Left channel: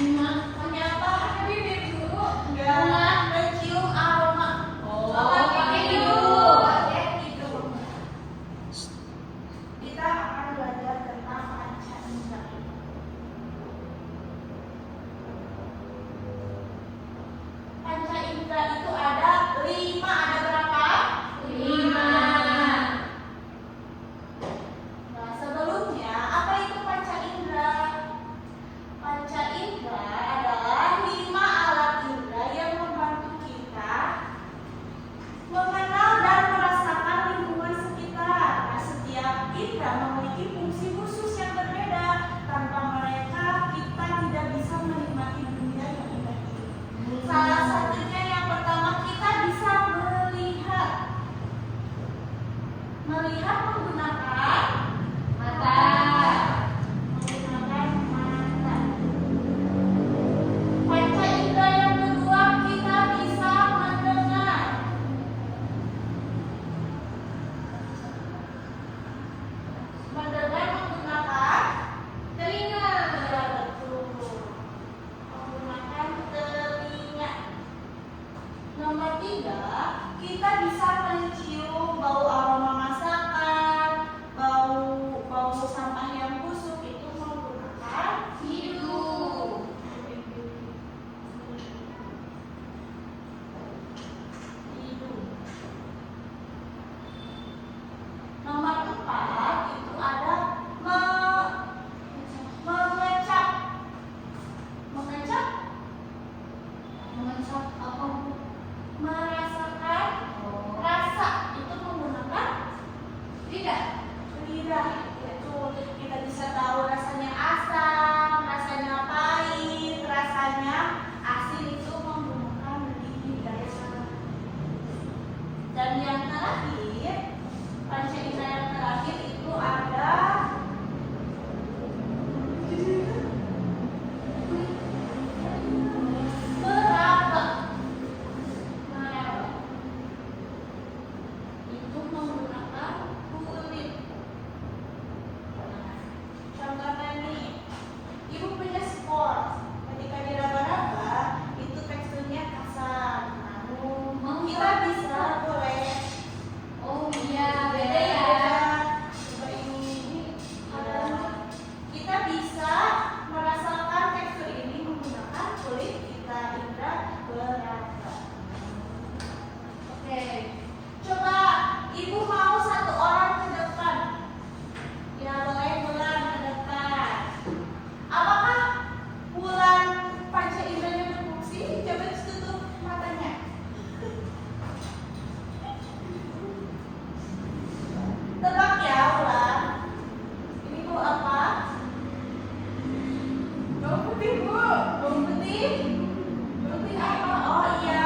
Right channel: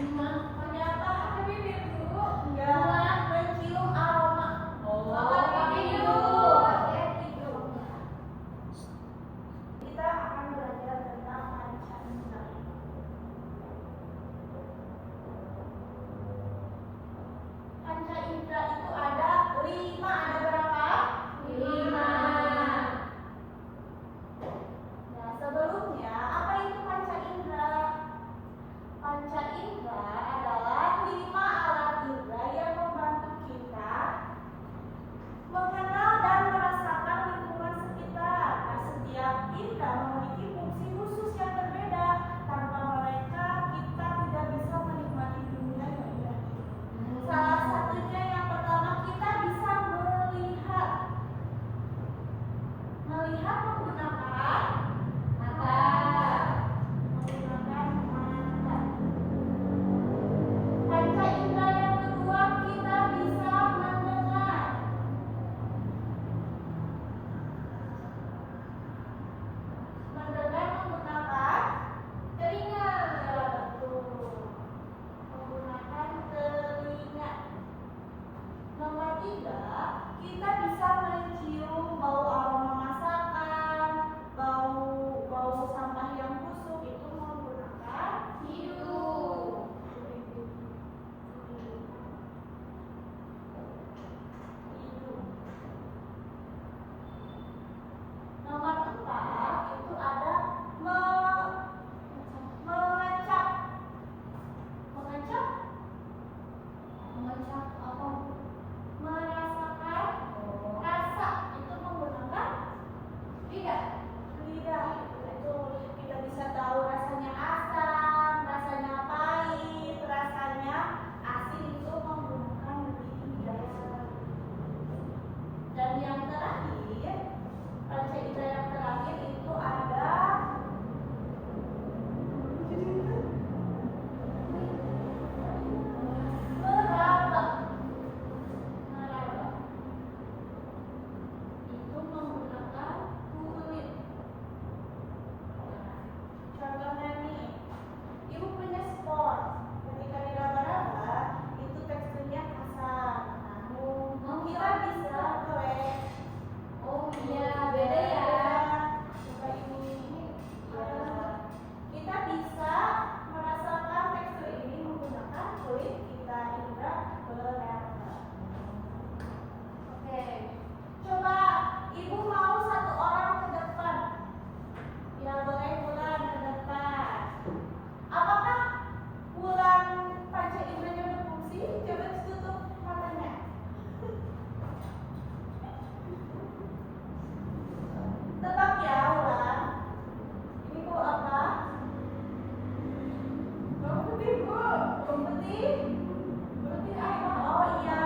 Ternyata ada bibir dulu. Enggak. Mencium aroma. Oh, pakai hidung. Pakai hidung. Kita akan belajar tentang panca indera. Panca indera itu ada 5. Ada berapa? 5. Nah, sebelumnya apa itu panca indera? Panca indera adalah 5 alat indera yang membantu kita mengenal dan merasakan lingkungan sekitar. Nah, setiap indera memiliki fungsi khusus yang berbeda. Tanpa mereka, kita tidak bisa menikmati dunia yang indah ini. Salah satunya yang pertama, kita bisa melihat. Melihat menggunakan mata. Menggunakan mata. Panca indera yang kedua, kita bisa mendengar. Mendengar menggunakan telinga. Ya, betul. Menggunakan telinga. Nomor 3, kita bisa mencium bau aroma masakan, bau sampah yang busuk, itu menggunakan hidung. Hidung. Nomor 4, itu ada mengecap. Mengecap? Mengecap apa? Merasakan rasa, itu menggunakan lidah. Lidah itu kita bisa tahu rasanya asam, rasanya pahit, rasanya asin, itu menggunakan lidah. Dan yang terakhir, panca indera yang terakhir itu ada meraba. Meraba itu menggunakan kulit. Contohnya nih, ibu punya sport. Ketika diraba-raba, itu teksturnya kasar. Namun kita bisa boleh. Oh iya, beda ya. Coba ini kita bisa merasakan tekstur ini menggunakan kulit kita, indera beraba. Oke, coba ibu mau 1 orang ke depan. Ya, boleh Bulan ke depan. Apakah Bulan panca inderanya berfungsi? Coba tutup matanya. Tebak ya, Bulan. Ini Bu apa? Bawang putih, Bu. Bawang putih? Bawang putih apa? Oh iya,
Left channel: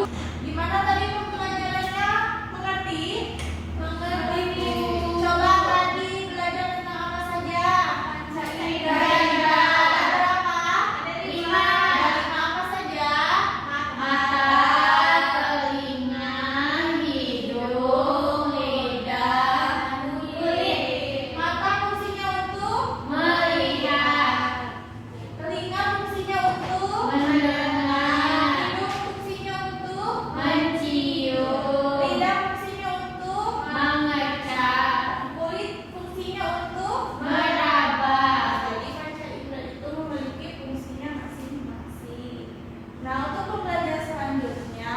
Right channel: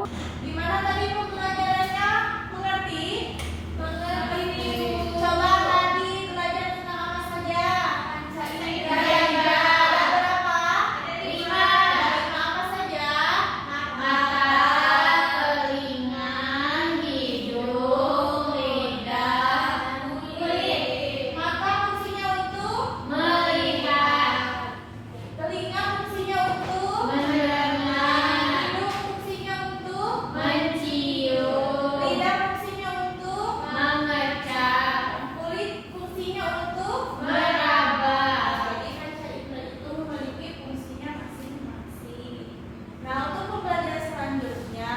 Gimana tadi pembelajarannya? Mengerti? Mengerti. Coba tadi belajar tentang apa saja? Pancasila. Ada berapa? Ada 5. Dari apa saja? Mata, telinga, hidung, lidah, kulit. Mata fungsinya untuk melihat. Telinga fungsinya untuk mendengar. Hidung fungsinya untuk mencium. Lidah fungsinya untuk mengecap. Kulit fungsinya untuk meraba. Jadi Pancasila itu memiliki fungsinya masing-masing. Nah, untuk pembelajaran selanjutnya,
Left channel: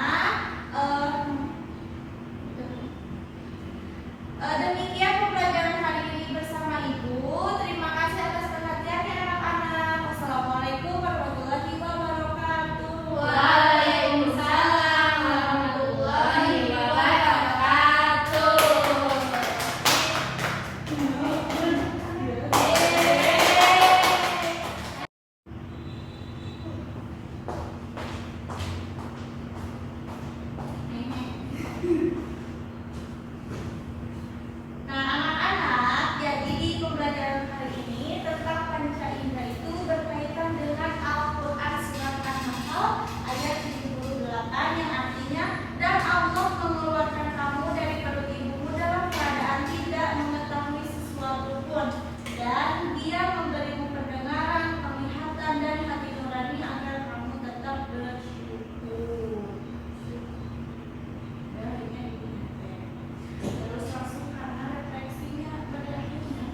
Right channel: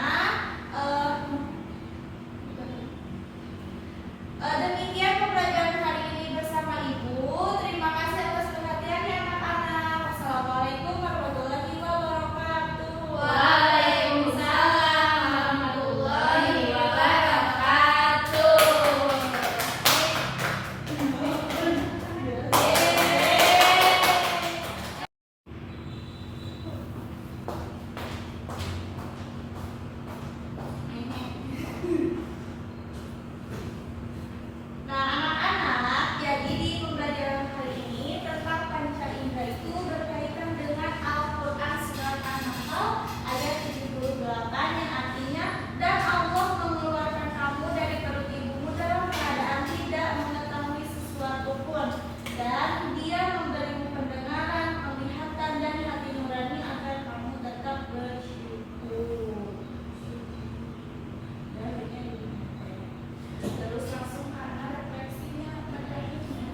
demikian pembelajaran hari ini bersama Ibu. Terima kasih atas perhatiannya anak-anak. Wassalamualaikum warahmatullahi wabarakatuh. Waalaikumsalam warahmatullahi wabarakatuh. Nah, anak-anak, jadi di pembelajaran hari ini tentang panca indera itu berkaitan dengan Al-Quran surat An-Nahl ayat 78 yang artinya, dan Allah mengeluarkan kamu dari perut ibumu dalam keadaan tidak mengetahui sesuatu pun, dan Dia memberimu pendengaran, penglihatan, dan hati nurani agar kamu tetap bersyukur. Terus langsung karena refleksinya pada akhirnya.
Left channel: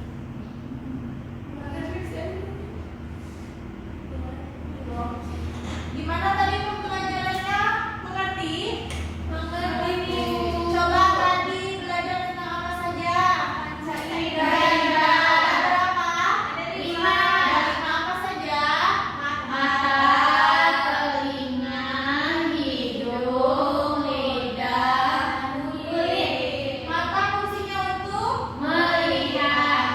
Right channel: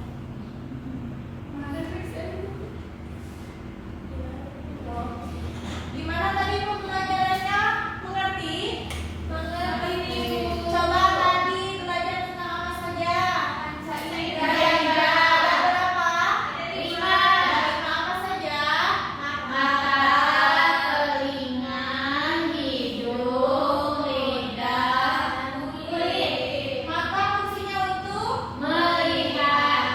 Gimana tadi pembelajarannya? Mengerti? Mengerti. Coba tadi belajar tentang apa saja? Pancasila. Ada berapa? Ada 5. Dari apa saja? Mata, telinga, hidung, lidah, kulit. Mata fungsinya untuk melihat.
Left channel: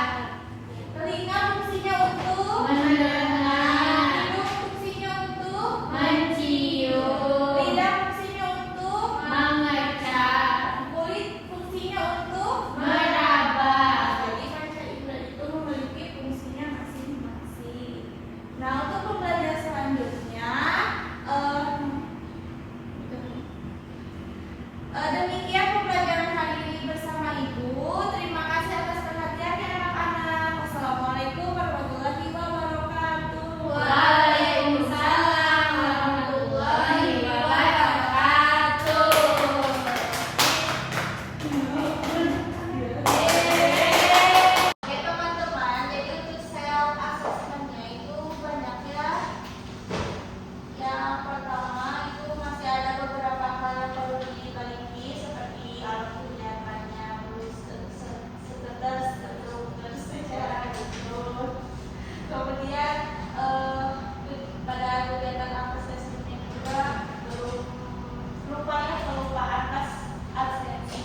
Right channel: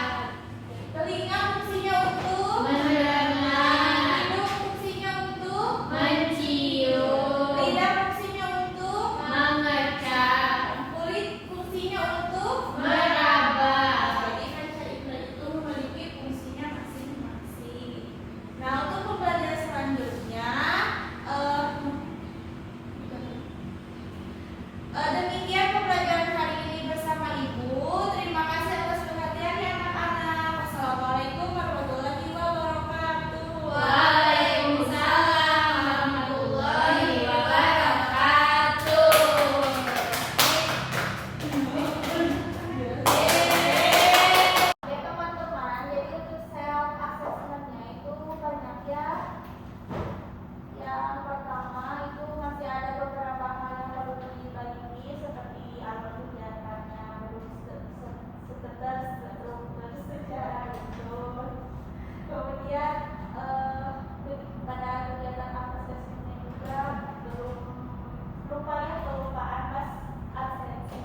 Telinga fungsinya untuk mendengar. Hidung fungsinya untuk mencium. Lidah fungsinya untuk mengecap. Kulit fungsinya untuk meraba. Jadi Pancasila itu memiliki fungsinya masing-masing. Nah, untuk pembelajaran selanjutnya, demikian pembelajaran hari ini bersama Ibu. Terima kasih atas perhatiannya anak-anak. Wassalamualaikum warahmatullahi wabarakatuh. Waalaikumsalam warahmatullahi wabarakatuh. Oke teman-teman, jadi untuk self assessment-nya itu banyak ya. Yang pertama itu masih ada beberapa hal yang perlu diperbaiki seperti alat kegiatannya terus sekedar secara betul. Kemudian pada kegiatan asesmennya juga belum rupanya kelupaan absensi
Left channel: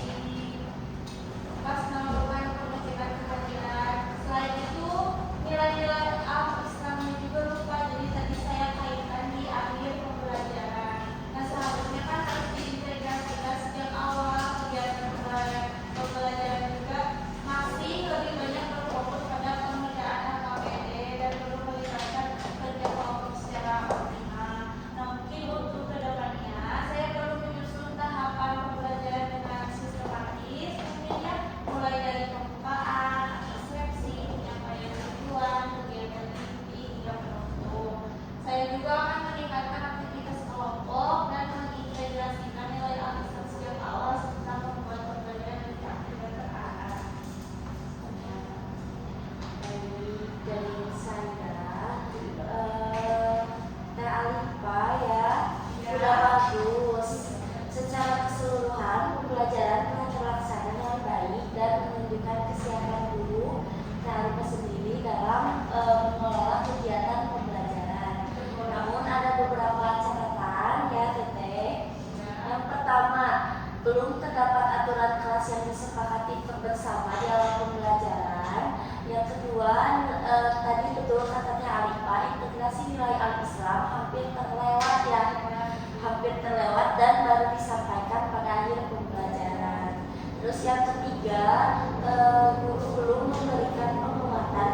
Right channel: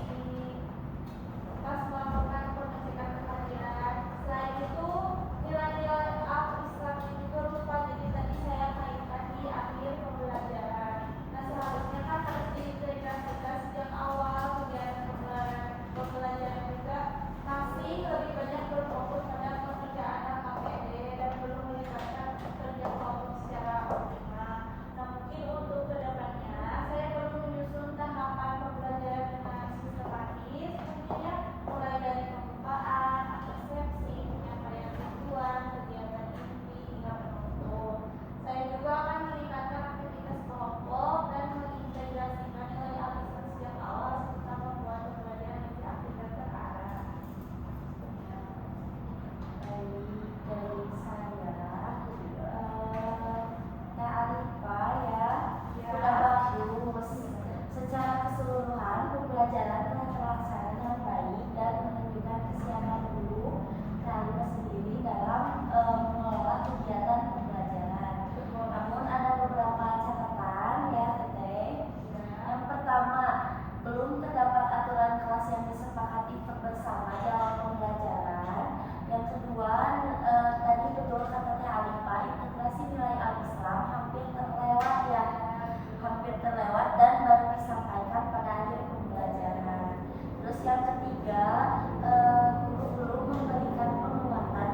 pas melakukan pengecekan kehadiran. Selain itu nilai-nilai Islamnya juga lupa, jadi tadi saya kaitkan di akhir pembelajaran. Nah, seharusnya kan harus diintegrasikan sejak awal kegiatan pembelajaran juga masih lebih banyak berfokus pada pengerjaan KPD dan belum melibatkan kerja kelompok secara optimal. Nah, mungkin untuk kedepannya saya perlu menyusun tahapan pembelajaran dengan sistematis, tentunya mulai dari pembukaan, persepsi, penyampaian tujuan, kegiatan inti hingga penutup. Saya juga akan meningkatkan aktivitas kelompok dan mengintegrasikan nilai Al-Islam sejak awal serta membuat pembelajaran lebih aktif dan terarah. Dari saya Teh Alifa ya, sudah bagus. Secara keseluruhan pembelajaran telah terlaksana dengan baik dan menunjukkan kesiapan guru Teh Alifa sendiri dalam mengelola kegiatan pembelajaran. Namun ada beberapa catatan ya Teteh. Yang pertama, belum terdapat aturan kelas yang disepakati bersama di awal pembelajaran. Yang kedua, tadi betul katanya Alifa, integrasi nilai Al-Islam hampir terlewat dan baru disampaikan pada akhir pembelajaran. Terus yang ketiga, guru belum memberikan penguatan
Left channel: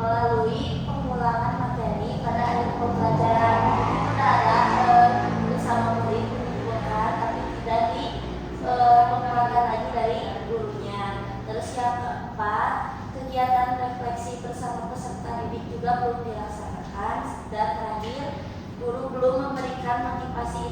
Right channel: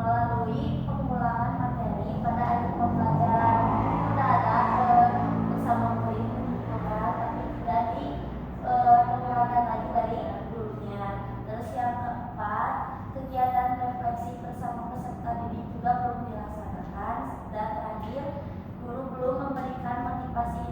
melalui pengulangan materi pada akhir pembelajaran. Itu adalah bersama murid mengumpulkan, tapi tidak pengulangan lagi dari gurunya. Terus yang keempat, kegiatan refleksi bersama peserta didik juga belum dilaksanakan. Dan terakhir, guru belum memberikan motivasi